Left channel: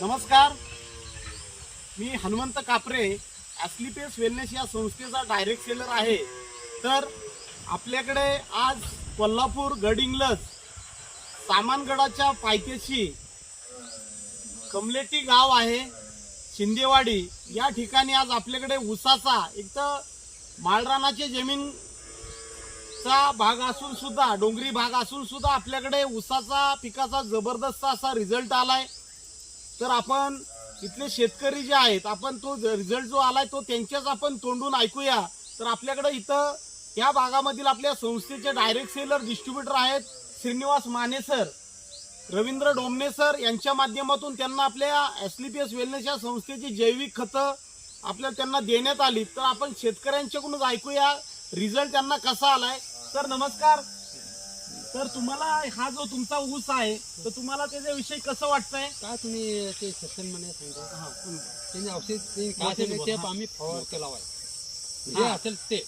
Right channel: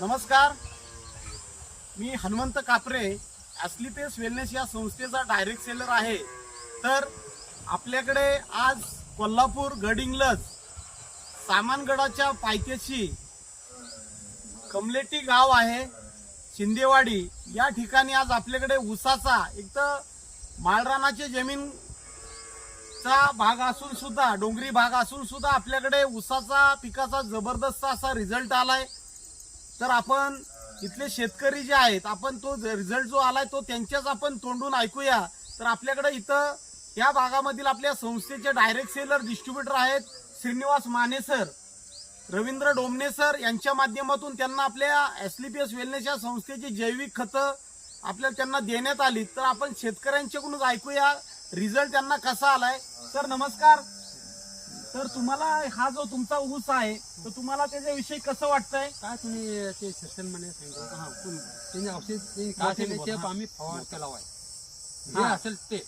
नमस्कार, मी हनुमंत कापरे, ॲस्लीपेस वेलनेस या संस्थेचा डायरेक्ट सेलर आहे। तर आपल्याकडे आज कोल्हापूर गडिंग्लज सामानगडाच्या पायथ्याशी कमलेटी गाव आहे, शिंदेवाडी या ठिकाणी आज आपल्याकडे ऊसाचा एक तर माळरानाची जमीन चा भाग असून सुद्धा डोंगरी भाग असून सुद्धा आपल्याकडे ऊसाचा पिकाचा जबरदस्त असा रिझल्ट आलाय। तर आपण इथले शेतकरी जे आहेत आपण तो रिझल्ट जो आलाय तो त्यांच्याच आपण तोंडून ऐकूया। तर आपल्याकडे इथं या भागामधील आपल्या संस्थेचे डायरेक्ट सेलर डिस्ट्रीब्युटर आहेत श्रीनिवास माने सर, रवींद्र डोमने सर यांच्या माध्यमातून त्यांना आपल्या ॲस्लीपेस वेलनेस या संस्थेची जैविक खतं आपल्याला त्यांना देण्यात आली। तर आपण शेतकऱ्यांच्याकडून ऐकूया रिझल्ट त्यांना कसा आलाय। सर नमस्कार। तर तुम्हाला हा जो तुमचा ऊस आहे तर तुम्हाला त्याच्याविषयी कसं वाटतंय? काय तुम्ही ते सेशन मध्ये सांगितलं त्यांनी औषध काय आम्ही फवार केला जे असेल ते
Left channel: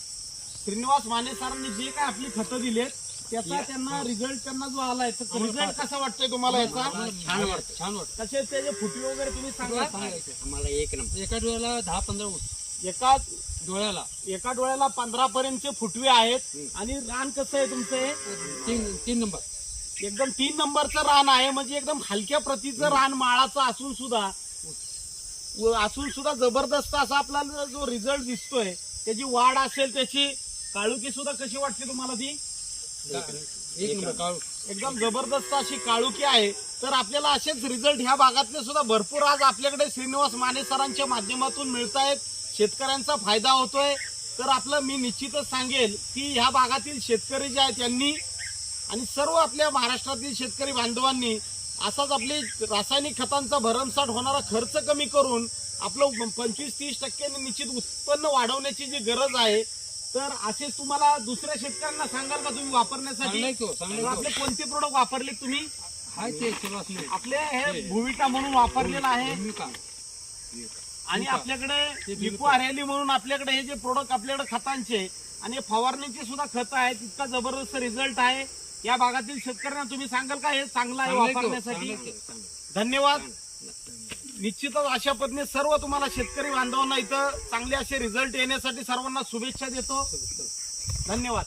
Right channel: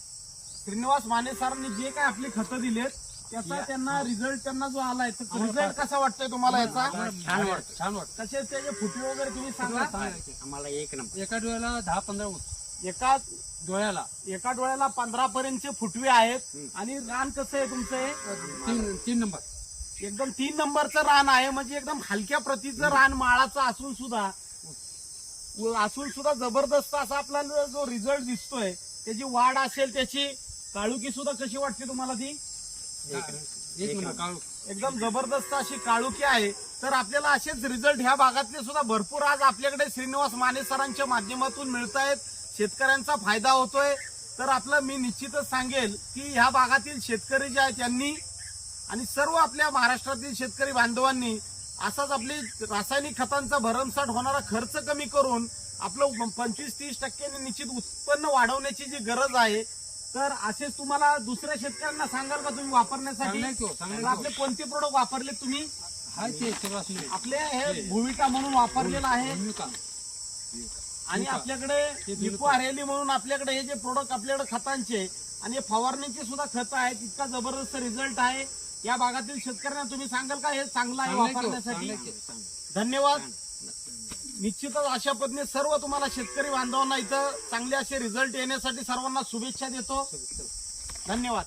श्रीनिवास माने सरांनी जे काय आपली खतं दिलेत त्याचा त्यांना रिझल्ट त्यांना जो आलाय तर रिझल्ट कसा वाटतोय तुम्हाला याचा? छान वाटतं, छान वाटतं। कसे त्याचे फुटवे वगैरे तुम्ही सांगा आम्हाला एक नंबर। एका डोळ्याला 10-15 ऊस, एका डोळ्याला 15 पर्यंतचे फुटवे आहेत। आणि रान कसं आहे तुमचं? तीन नंबर, एकदम 3 नंबरचं रान आहे, म्हणजे एकदम हलक्या प्रतीचं रान माळाचं असून सुद्धा जबरदस्त असा आपल्याला जो रिझल्ट दिसतोय त्याची वाढ असेल, त्याची काळुकी सुद्धा कशी वाटते तुम्हाला? ती एक नंबर एकदम जबरदस्त अशी काळुकी आहे। तर आपल्याला असेच रिझल्ट ह्या भागातले सुद्धा भरपूर आज आपल्याकडे श्रीनिवास माने सरांच्या माध्यमातून मिळत आहेत, शेतकऱ्यांचा फायदा होतोय। तर आपलं मी निश्चितच सांगेल की ह्या भागातील शेतकरी जे आहेत त्यांनी आणि सर्व आपल्या महाराष्ट्रातील शेतकरी बांधवांनी असाच आपली रासायनिक खतांचा भरमसाठ होणारा खर्च कमी करून आपलं 25-30% निश्चित उत्पन्न वाढवण्याची जी गरज आहे। तर असेच तुम्हाला दुसऱ्या शेतकऱ्यांना सांगाल का तुम्ही वापरण्यासाठी? आपले कोणते प्रोडक्ट वापरले तुम्ही? आपले हे भुविका म्हणून वापरलेलं आहे आणि आपल्याकडे लिपो हरियाली म्हणून आपल्याकडे हे जे प्रोडक्ट आपल्याकडे खतांचे आणि फवारणीचे सुद्धा खत आहेत, इतका जबरदस्त रिझल्ट आहे। या भागातील शेतकऱ्यांना तुम्ही सांगाल का हे चांगलं आहे वापरण्यासाठी? धन्यवाद। निश्चितच अशा पद्धतीने सर्व तुम्हाला शेतकरी बांधवांना इथं चांगले असे रिझल्ट येण्यासाठी सर्वांना शुभेच्छा देतो। धन्यवाद।